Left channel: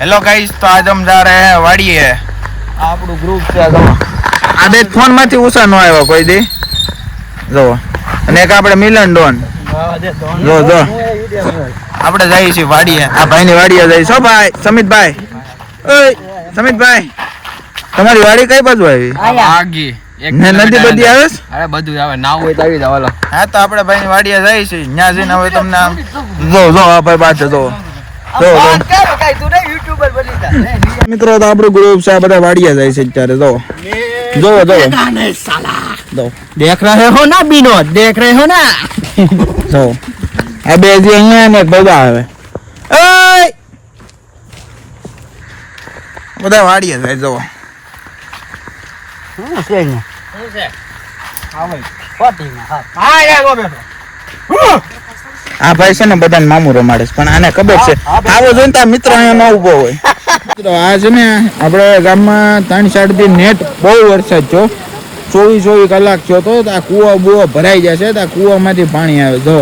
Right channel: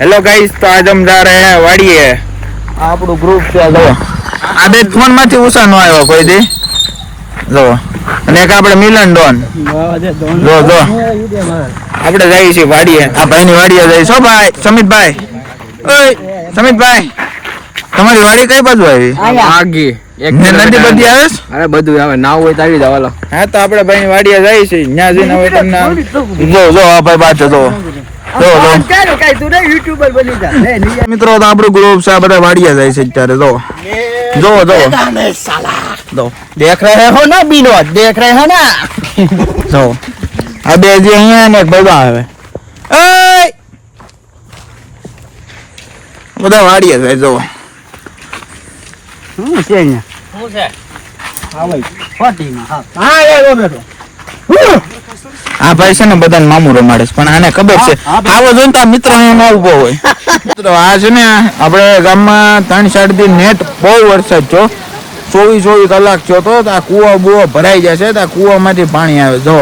Hello guys તો આજ અમ જા રહે વાડીએ. આપણું ગ્રુપ છે જો. આ બે ફોનમાંથી ઉસા નો આવ્યો કોઈ દી જો. અને એક આપણે મિલન ડોન. જો જો આપણે જઈએ છીએ વાડીએ. આ ભાઈની વાડીએ જઈએ છો ભાઈ? સમિતભાઈ. સમિતભાઈ. તમારી વાડી કઈ બાજુ આવી? આગી એક બધું આવે ના હોય તો આવી જાવ હા તો આપણે ભાઈ વાડીએ જાય છે ત્યાં જઈને હવે તમને જો જો આ ભાઈ પાછો મિત્રો તો આપણું ગ્રુપ છે બધા વાડિયા જાય છે અત્યારે જો. જો જો. દેખ રહે હો ના બીનો દેખ રહે હો ના. જો. આ બે જે અહીંયા ને બધા આવે. બધા વાડિયા જાય જો. આ ભાઈ છે ને બધાને મામું રમાડે છે. પણ આને ખબર છે આવો જો તો આ મિત્રો અહીંયા ન ઊભો હોય. મિત્રો આ છે ને આપણે ગામમાં ત્રણ સાઈડથી નેટ બહુ વરસાદ છો ચોવીસ ચોવીસ કલાક થયો તો આ કૂવો બુવો ભરાઈ જશે તો આ કૂવામાંથી પાણી આવે. જો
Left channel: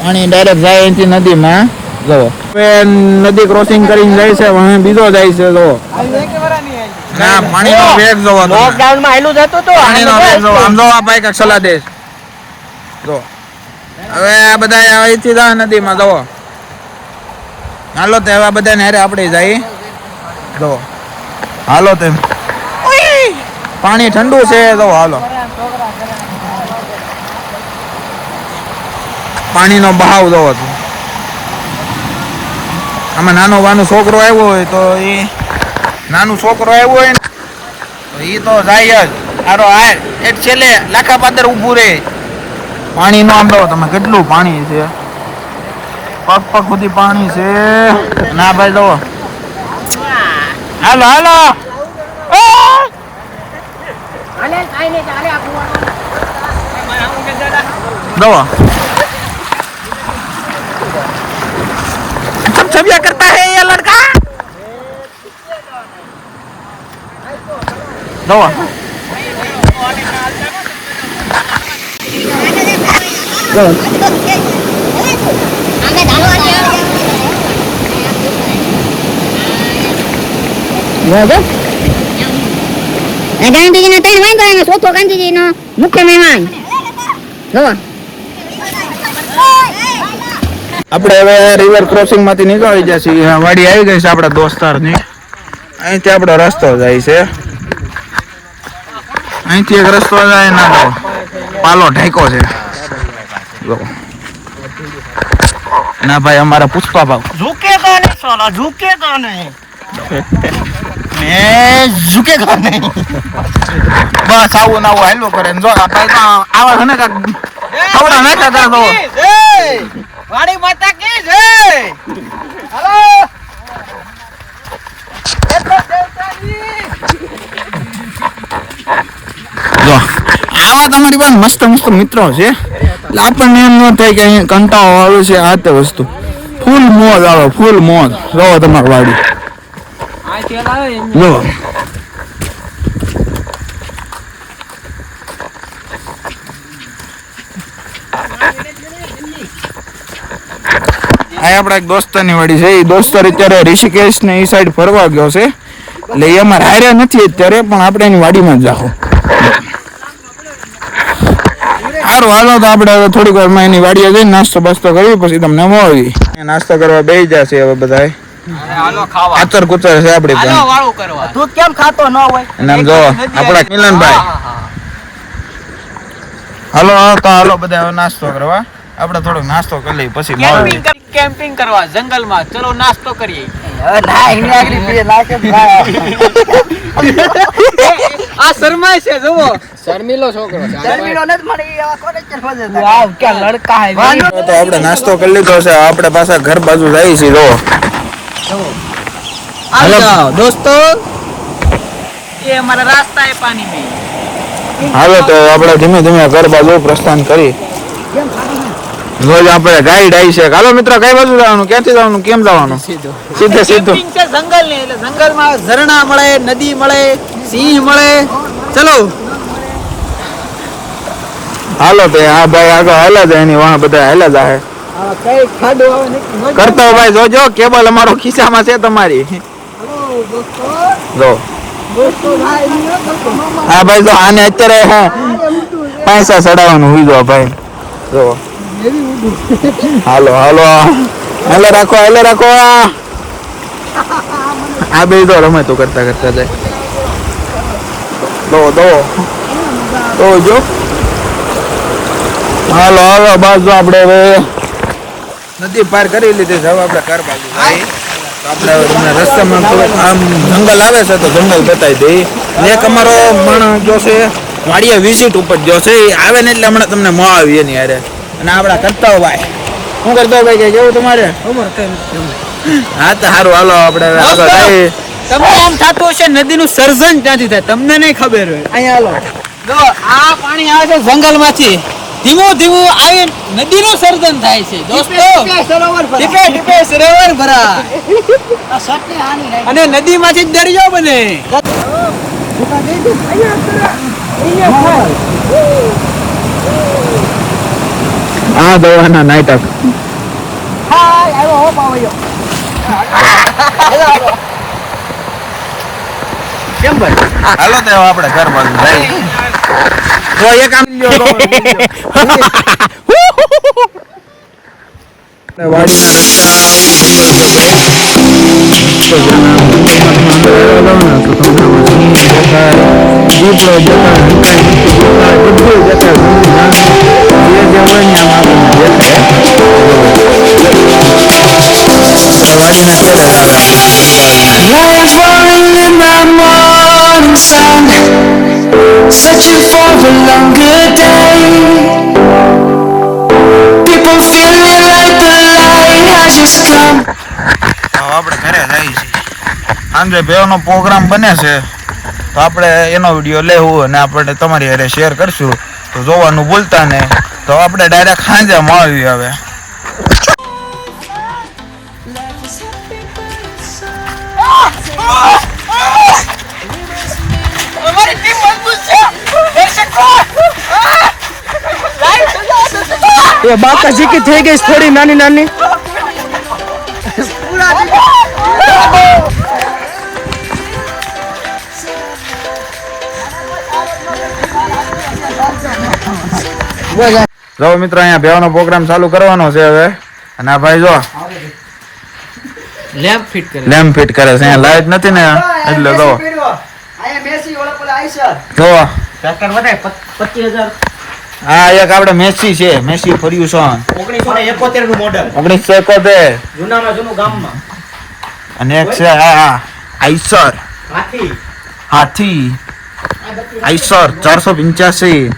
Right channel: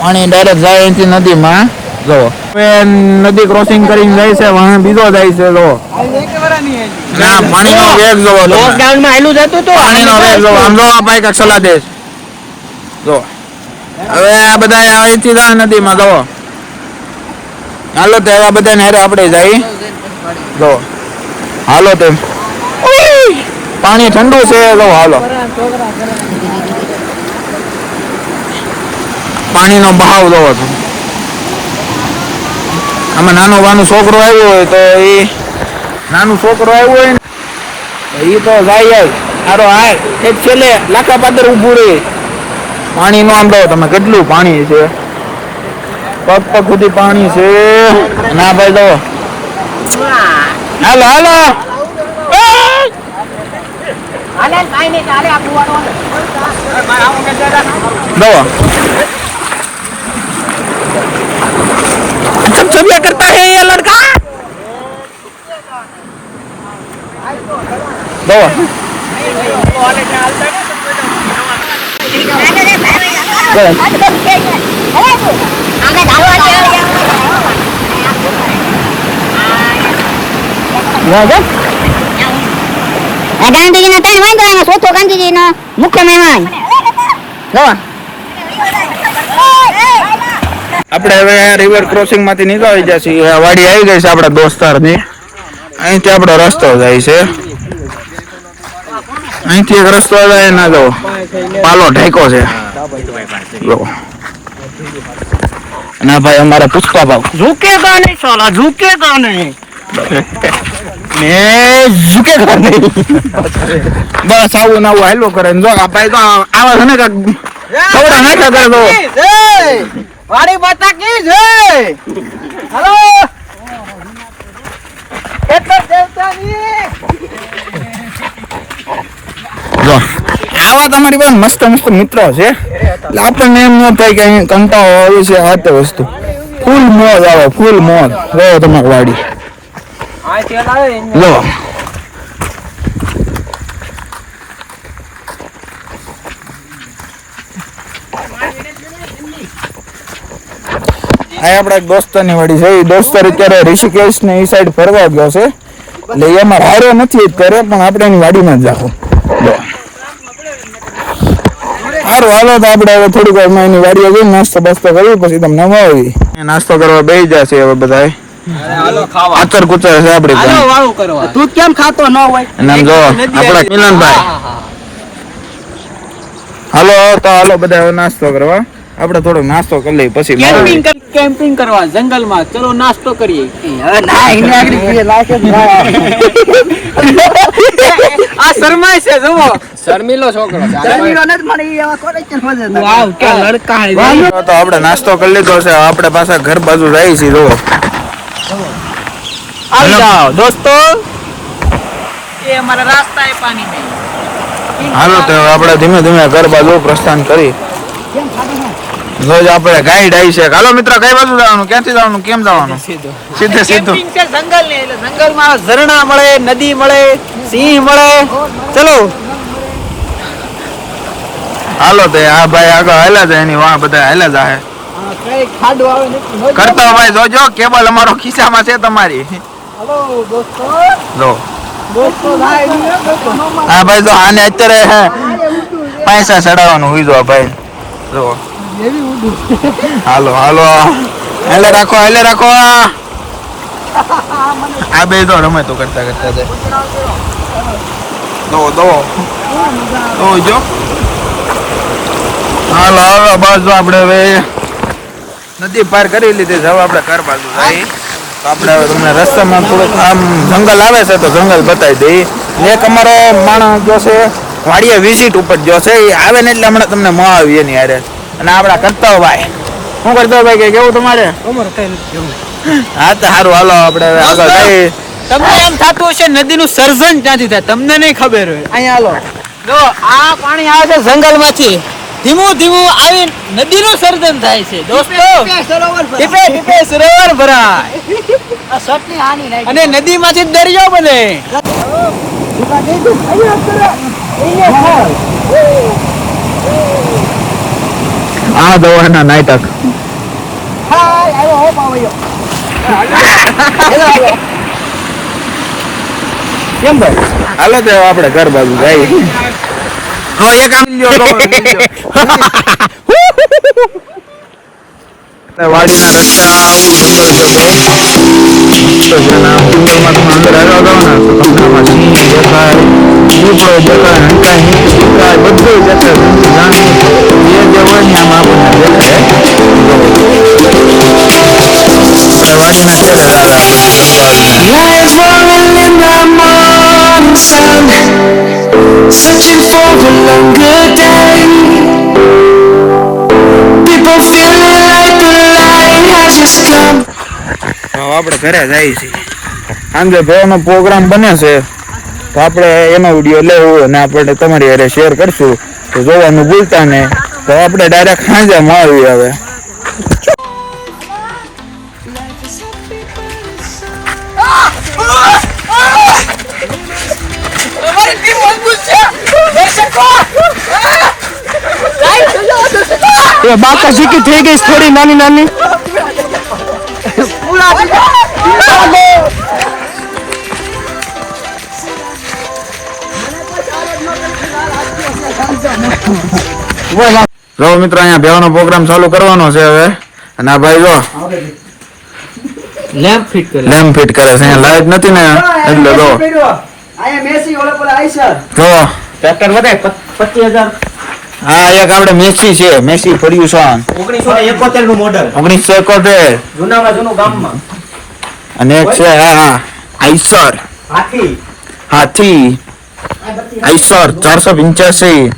પાણી ડાયરેક્ટ જાય અહીંથી નદીમાં. જો હવે નદી ક્રોસિંગ કરીને જાય છે વાહન બીજો જાય છે જો ના પાણીનો વેગ જોવો તમે. લોકડાઉનમાં હેલું જતું તો. પાણીનો વેગ જોવો આમ જો આ ભાઈ કાંઈક દેશ જો હવે આ બધા અહીંથી જાય નદીમાં જો હાલો તો એવા બધા નેરે આપણે જઈ. જો હાલો તેમ પાણી ઠંડુ છે જો હાલો. પાણીનો બહાવ જોવો તો. આમાં નાનો વાનું છોકરો આવ્યો હોય તો એ નાનું છોકરો આવ્યો હોય ને એ તો જાય જ. સારો હાર છેલ્લે લાખા પાદર ઊભું રહે પાણી નો આમ જો તમે કેટલું પાણી છે પગ પગ સુધી પાણી છે ના ભાઈ જો હાલો હાલો ઓય! दवा सब छबिया करता है ये लड़का दवा ગાંધીજીના ત્રણ વાંધો એમાં ચોથો ગાંધીજીનો મુખ્ય મહેમાન. જો. આપણે હવે રિવર ક્રોસિંગમાંથી નીકળી જશે આ વાડી આવી ગઈ છે આપણા દોસ્તારની અહીંથી આપણો રસ્તો જાય છે. અહીંથી એક રસ્તો જાય ના જો પાલો ઢેકો છે. ના ભાઈ અમારા પૂછવા ભાવ ઝુકેગા નહીં સાલા ઝુકેગા નહીં. આવા આવા તમારી પાસે મસ્ત મસ્ત મિત્રો છે. આપણને એમ ન થાય કે અહીંયા કંટાળો આવે છે આ તે વસ્તુ. ફૂલ મોજ આવે, ફૂલ મોજ. જો તમારી વાડી. જો આ આપણા એક દોસ્તારની વાડી છે. એ દોસ્તાર અત્યારે ઋષિકેશ ને એ સાઈડ ફરવા ગયો છે. એટલે એ અમારે હારે નથી અત્યારે, પણ આપણે એની વાડીમાં જ જાખો સારું હાલો તો આપણે હવે થોડીક વારમાં એની વાડીએ જઈને નાસ્તો બાસ્તો કરી પછી તમને મળી નાસ્તો કરવા બેસી જશે હવે બધા હાલો ખાવા. આચર કુચર છે આપણે હાલો વાળું કરવા. તું કેમ ખાતો ન હોય? અને જો આપણા મિલનભાઈ. હાલો તો હાલો બધા હવે નાસ્તો કરવા. આપણે થોડોક નાસ્તો કરી લઈએ પછી કેમ્પિંગ કેમ્પિંગ કરવા જંગલમાં. ચલો નાસ્તો કરીએ. આ શરમાય છે જુઓ. શર્મિલો છોકરો વાવ ક્યાં લડકા હે તો આપણે નાસ્તો કરી લીધો છે. આપણે પાછા ઘર બાજુ જઈએ છીએ જો આવી જાઓ દોસ્તો. હાલો તો આપણે ધીમે ધીમે ઘર બાજુ પ્રસ્થાન કર્યું આપણે ગાઈડ આવી છે. હાલો મિત્ર કઈ બાજુ જવાનું? ક્યાંથી જવાનું? કેમ જવાનું? સીધું. સીધે સીધું. જંગલ ને જંગલમાં ઝરણા મળે નદી મળે સિંહ મળે. ચલો. હાલો તે આ ભાઈ આગળ હાલા જાય એની વાહ બધા હાલા ને કરતા ભાઈ જોજો કેબલ અમારો ખિસ્સામાં છે તમારી. જો. હા ભાઈ જો આને અત્યારે પૈસા ચડાવવાનું હોય જો ભાઈ. જો. હાલો હાલો. હાલે રાખો હાલે રાખો. આ બે તો રમે તો કરતા કરતા જાય. દો દો દો જો હાલો હાલો બાજુ આપણે હવે. નદી પાર કરી લીધી છે હવે આપણે ઘર બાજુ તો આપણે હવે તમને રસ્તામાં થોડુંક આમ જંગલ આવે છે તો જંગલ બતાવી દઈ. એક અમારો માણસ જો છે વાડીએ વિઝિટ ઉપર જો છે એ આવે ને એટલે હમણાં તમને મળાવી એની હારે. અને આપણા કરતા ભાઈ શું કરતા ભાઈ કે કેવું તમારે? હા તો સારું હાલો આપણે આગળ જઈએ તમને એમ થતું હશે નદીનું સર્જન ક્યાંથી થાય? તમને નહીં ખબર હોય. અહીંયા હાલો. જો આ પાણી આવે છે જંગલમાંથી. ધીમું ધીમું આવી નદીનું સર્જન થાય છે. દોસ્તો ટીપે ટીપે સરોવર ભરાય. અને નદીમાંથી દરિયો બને. આ દવાના નાટક કેમ ભાઈ? હાલો તો આપણે ઘર બાજુ જાય હા એક આમ. વાડીના રસ્તા આવું જંગલ છે બહુ તો જેના જંગલમાં તમે અંદર આવ્યો હતો ને તો તમને આમાં સિંહ દેખાય દીપડો દેખાય હંકાય દેખાય બધું દેખાય. Morning sun, searching for a longer day. People feeling like the light has just come. આપણે ઘરે જઈએ છીએ. સાંજે ભાઈઓનો પ્રોગ્રામ બને છે તો આપણે એનો વીડિયો લેવું અને આપણે તમારી હારે શેર કરશું. તો જોવાનું ભૂલતા નહીં. તો આપણે ડાયરેક્ટ સાંજે મળીએ હવે. બાકા શીખી થઈ ગઈ થોડી નાની નાની. જો મિત્રો અહીંયા ભેવાનો પ્રોગ્રામ ચાલુ કરવાનો છે હવે. અને આ ભાઈ જો લેમ્પ ફિટ કરે. લેમ્પ ફિટ કરે છે. લાઈટ નથી ને. એટલે જો. અહીંયા મેસી ઓલા પર આઈસર જો. ટ્રેક્ટર વધે 25000 હા એક આપણે મેસી છે. મેસી ફર્યુસન 1971 નું મોડેલ 1971 જૂનામાં જૂનું ગામમાં અને એક છે હા આઈસર. હાથી. હાથી. આઈસર 485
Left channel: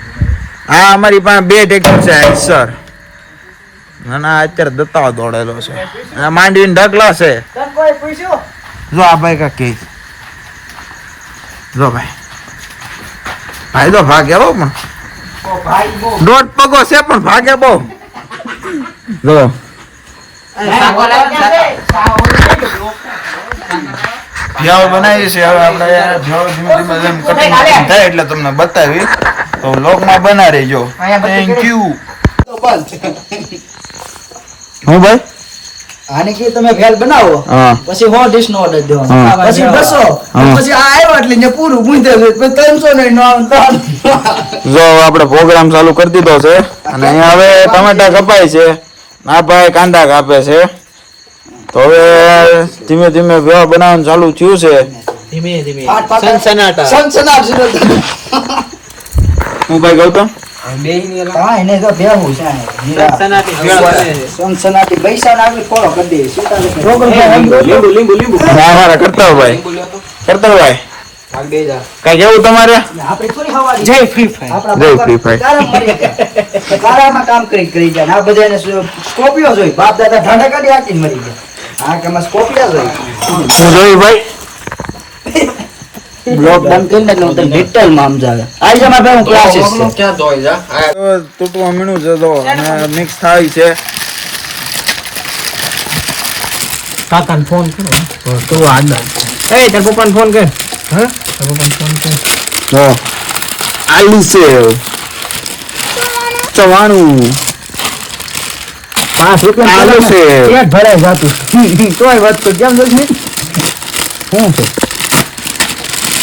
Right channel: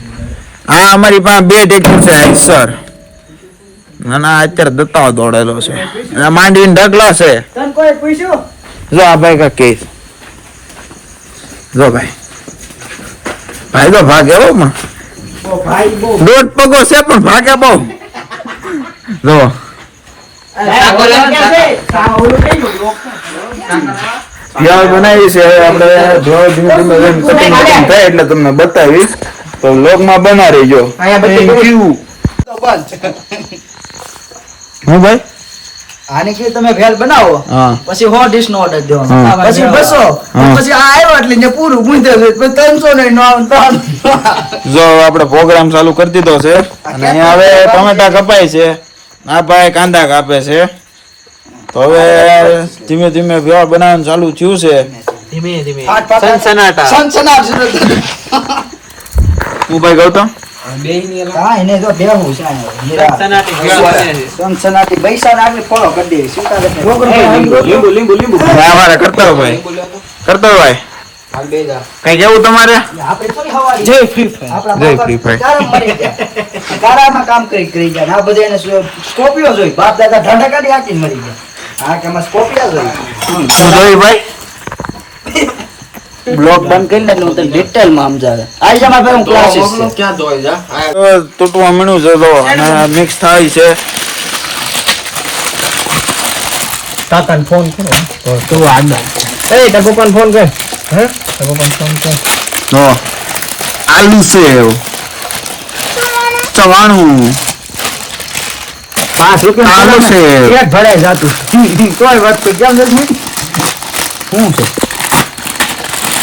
હા અમારી પાસે બે ટ્રેક્ટર છે આઈસર. નાના અત્યારે દત્તાઓ દોડેલો છે. માંડવી ઢગલા છે. જો આ ભાઈ કા કે જો ભાઈ. ભાઈ તો ભાગ એવો માં દોઢ પગો છે પણ ભાગે બહુ. જો. ભેળ બનાવી છે હવે આપણે ભેળ ધીમે ધીમે એમ કટિંગ કટિંગ થાય એટલે તમને બતાવી. તો લોગમાં બના રહીજો. થેન્ક યુ હું ભાઈ? આને કે તમે ભેળ બનાવો. પછી સો ડીશ નો ઓર્ડર દેવાનો. પછી બસો. પછી આ આવ્યો એટલે ને પૂરું ગુંજે પછી ત્રણસો ને નો જો આપણે પ્રોગ્રામ ચાલુ કરી દીધો છે. અને અહીંયા હવે ટમેટા કપાય છે. આ ભાઈ કાંદા કાપે છે. તો હવે ધીમે ધીમે વ્યવહાર બનાવવાનું ચાલુ થયું છે. ધીમે ધીમે. સનસનાટા. સનસનાટ હું ભાઈ ગૌતમ? એને જો હા કરતા ભાઈ કરતા ભાઈ કઈ કેવું તમારે? જય ફ્રી ફાયર. જય ફ્રી ફાયર. કારામાં કામ કરી કરી જાય આ બધા સ્કોપિયો જોઈ. બાપ દાદા ઢાંડા કાઢી હાકીને મરી ગયા. હા કે સ્કોપિયા જોઈ. ભાઈ. બ્લોક બંધ કરીને એટલે હું તને ડિટેલમાં સમજાવે. આઈ જા પાસે હું ક્લાસીસ છે. તો તો મળ્યું છે તો અને મિક્સ થાય છે. તાતાન ફોન કરો તો કેવો આદમ એ તાર પપ્પાને ફોન કર. હે? તાર પપ્પાને ફોન કર. હા. આલુ છે. ચવાણું. ભરાય જાતું. કોઈ વાત તો કેમ નથી શું છે?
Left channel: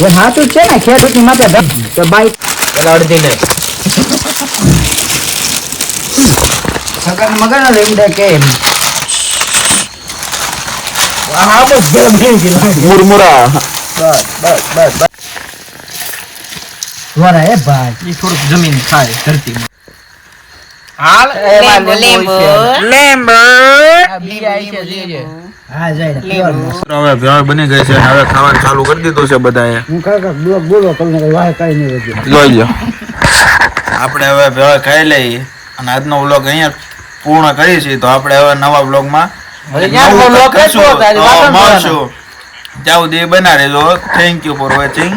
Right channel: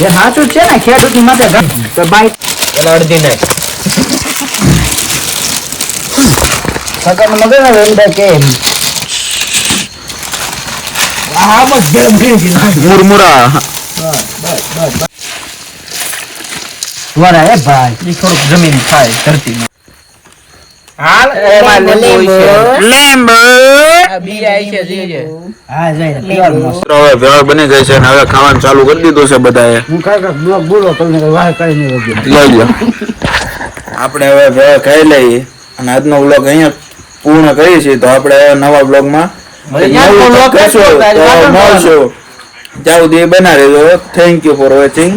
એ સાચું છે ને ખેડૂત માટે ભાઈ તો બાઈક અડધી ને સગન મગન એમ. થાય કે આ બસ ગેમ નહીં મુરમુરા વરા એ ભાઈ એ થોડુંક જમીન થાય ધરતીમાં. હાલ? હા જઈ હવે ભેળ બની ગઈ છે. હવે ખાવાનું ચાલુ કરી દીધું છે બધાએ. હું કાકા બ્લોગ બોલો તો વાહ કરી લઈ લો આપણે હવે ભેળ ખાઈ લઈએ. અને આજનો બ્લોગ અહીંયા પૂર્ણ કરીએ છીએ. તો આપણે હવે નવા બ્લોગમાં નવું તો મળશું. ત્યાં સુધી બના રહેજો થેન્ક યુ ફોર વોચિંગ